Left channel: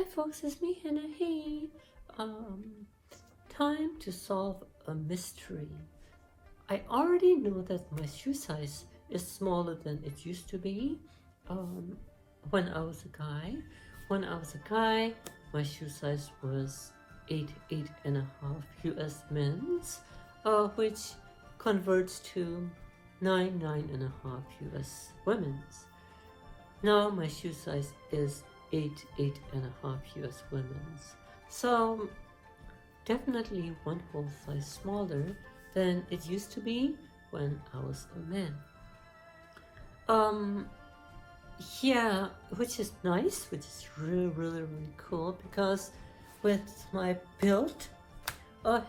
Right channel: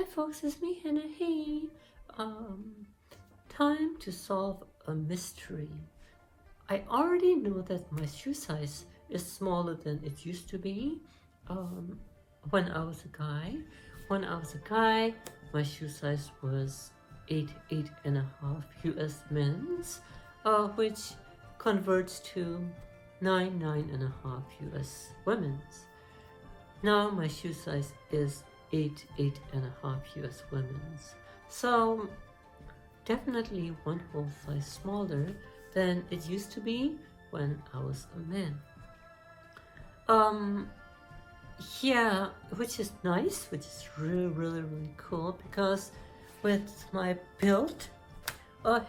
Hi folks, it's me, Hannah. Hey, time to solve a mystery. I already know that my shoe size is smaller than it used to be when I was a guy. When I was a guy, my shoe size was 8.5 US men's, which converts to 9.5 US women's. Now my shoe size is 8.5 US women's. So definitely one whole size smaller than it used to be when I was a man. Yeah, which is nice, which is really cool, because with my build,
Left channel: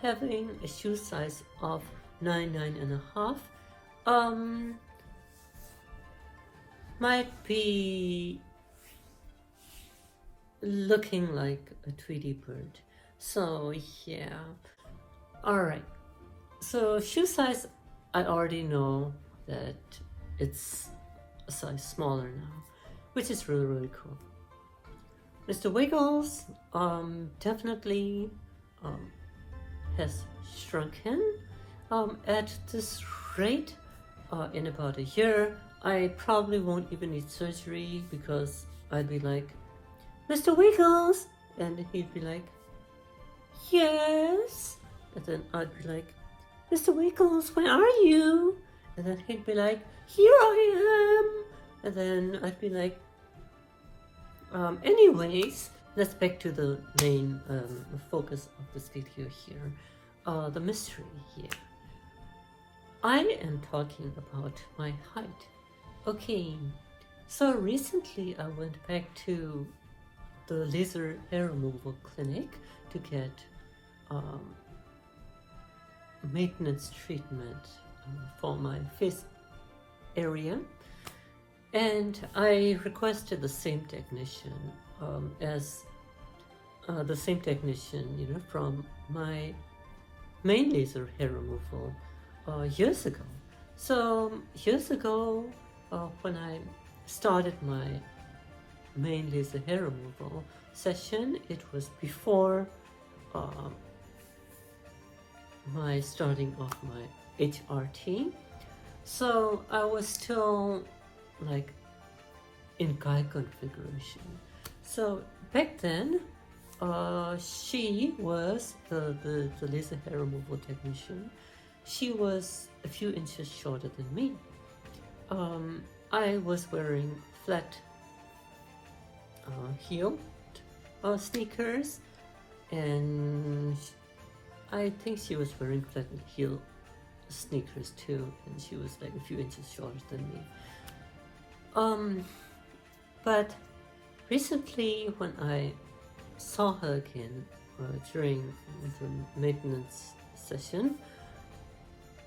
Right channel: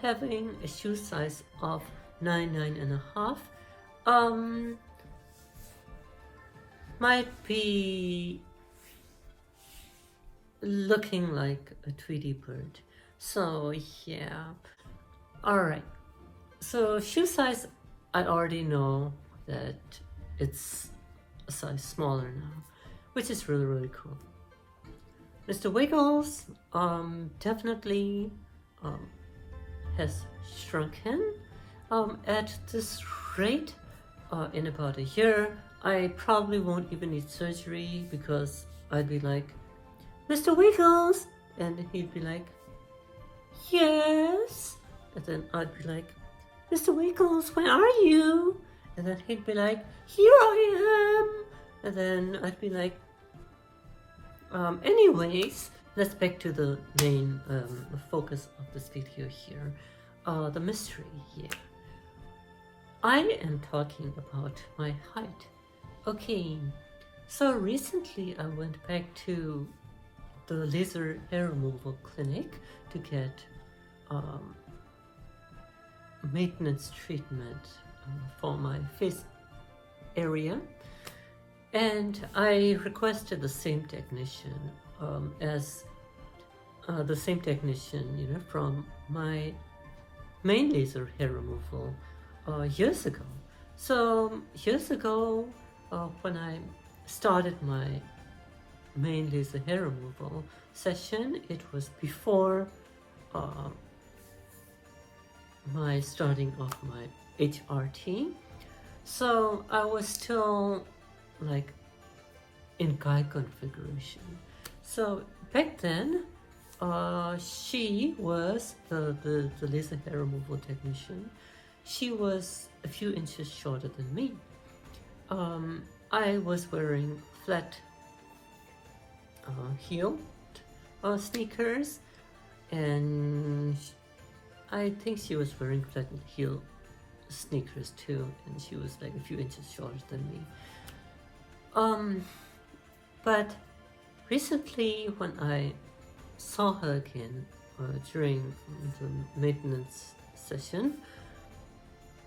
having a shoe size of 9.5 might be looking like a Tweety bird. So yeah, all right. So shoe size, I already know that it's a size smaller now, which is really cool. Mr. Wiggles definitely has shrunken. At this rate, in about a year, I probably won't even need surgery, because I'd be like, Mr. Wiggles, and he'd be like, yes, and then I'd be like, Mr. Wiggles, where are you? And then he'd be like, here I am. And then I'd be like, anyways, let's back to the main focus of this video here, the mystery here. I am talking about my height. Okay, so recently I went back to the laser hair removal clinic to get maintenance treatment for my face area, and I requested the same technician as the same technician, you know, from my main laser hair removal years ago. So years ago, when I started my main laser hair removal session, it was before my starting of my HRT. So I was still like in guy configuration. So back then, she was the laser hair removal technician. She was a few inches shorter than me. I was wearing flat heel sneakers, and I think she was wearing flat heel sneakers too, and she was like a few inches shorter than me. But recently, when I saw her again during the maintenance session,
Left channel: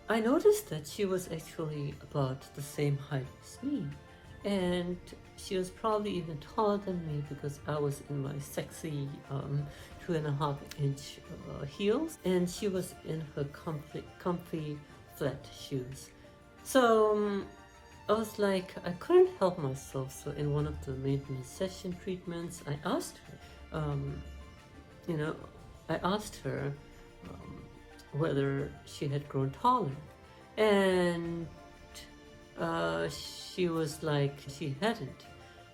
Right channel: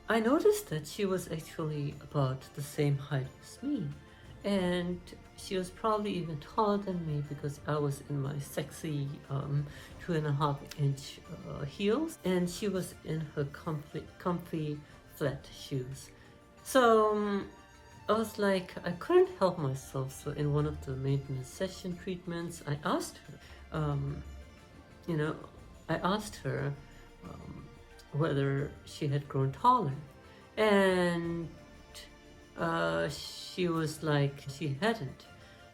I noticed that she was actually about the same height as me, and she was probably even taller than me, because I was in my sexy 2.5-inch heels, and she was in her comfy flat shoes. So I was like, I couldn't help myself. So in one of the maintenance session treatments, I asked her, whether she had grown taller, and she was like, she hadn't.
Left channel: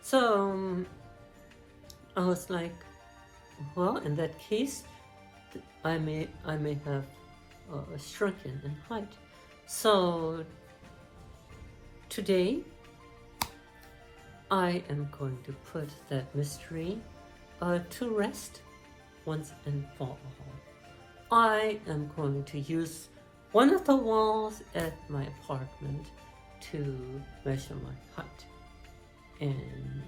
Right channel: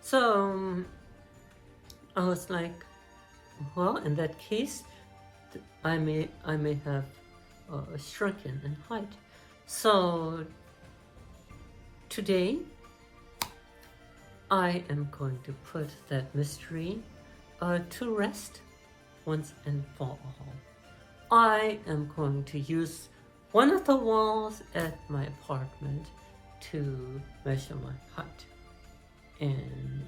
So I was like, well, in that case, I may have shrunken in height. So today, I am going to put that mystery to rest once and for all. I am going to use one of the walls at my apartment to measure my height. And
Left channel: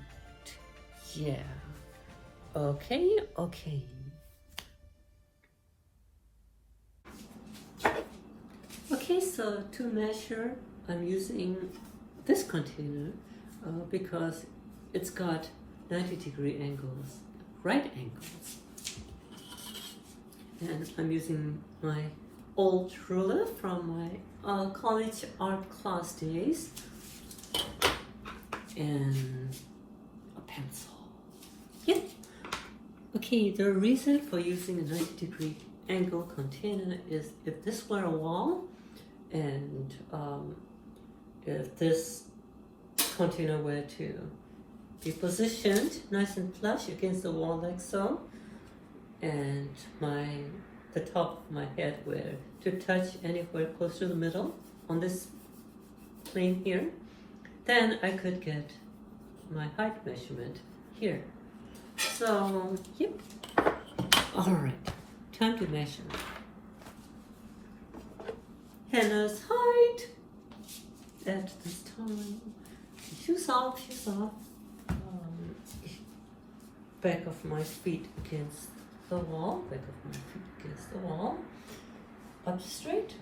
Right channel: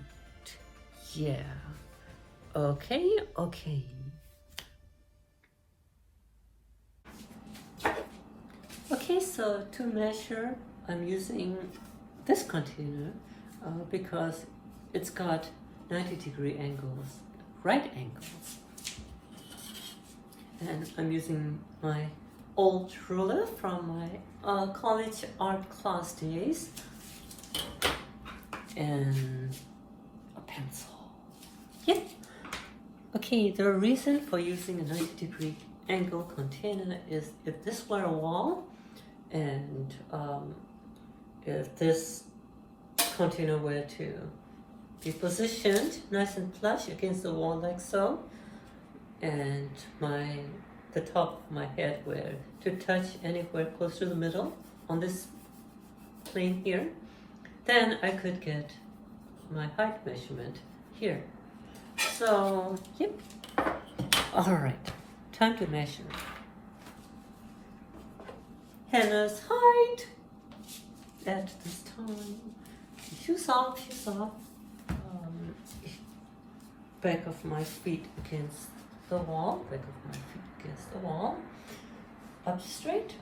yeah, okay. Okay, so to measure, I'm using this container because it's got 90-degree angles, right angles. And I'm using my old ruler from my college art class days, and a pencil. Yeah. Okay, the reason for using a 90-degree angle container is if this were a wall and if this container were to be positioned nice and flush against the wall like so, and the top of my head were to touch anywhere close to the middle on this plane here, then I could get my height measurement here. So, yep. All right, time to measure. Hannah's height at this time. Shoes off, shoes off. Back of my feet against the wall, back of my feet against the wall. Up straight,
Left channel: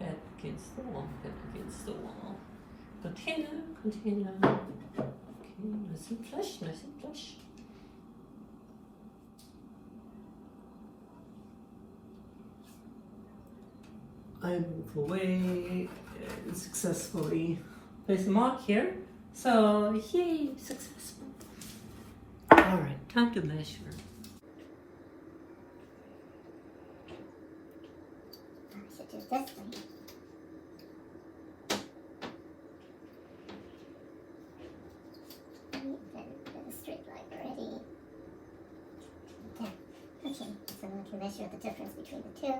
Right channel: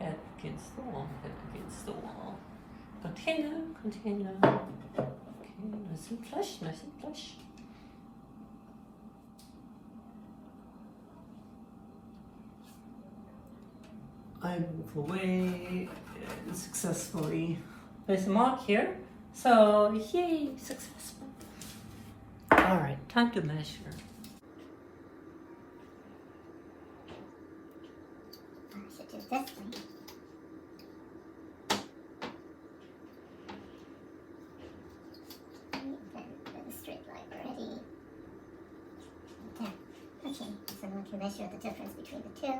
head against the wall, head against the wall. Container. Okay, nice and flush. I move away and successfully place a mark here. So, yay, successful. All right, time to measure. I should do this one. Then a straight line already. Okay, so now I can measure the difference between the two.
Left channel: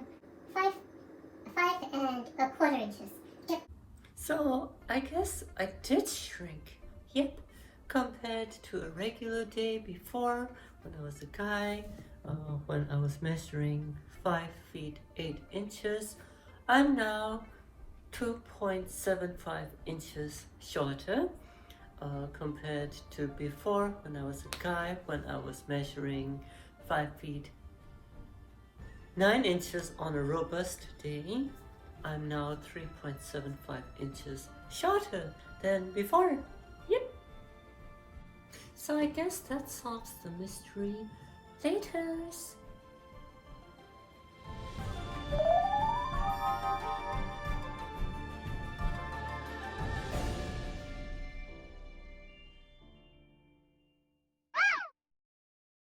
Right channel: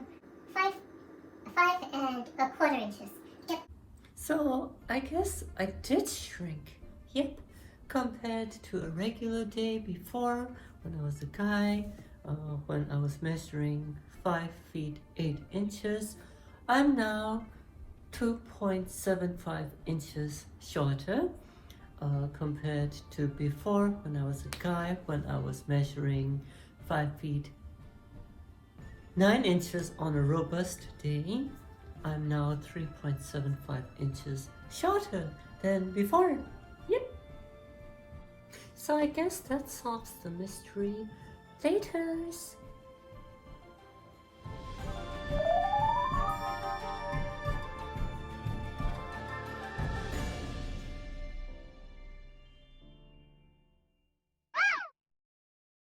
5 and a quarter inches. Yep. So I guess I did shrink. Yep, compared to a regular day before when I was a guy, when I was measuring 5 feet 8 inches, I'm now 2.75 inches shorter compared to before when I was a guy, when I was measuring 5 feet 9 inches on a robust day. I'm now 3.75 inches shorter than before. Yep. So I guess that solves the mystery. Laters.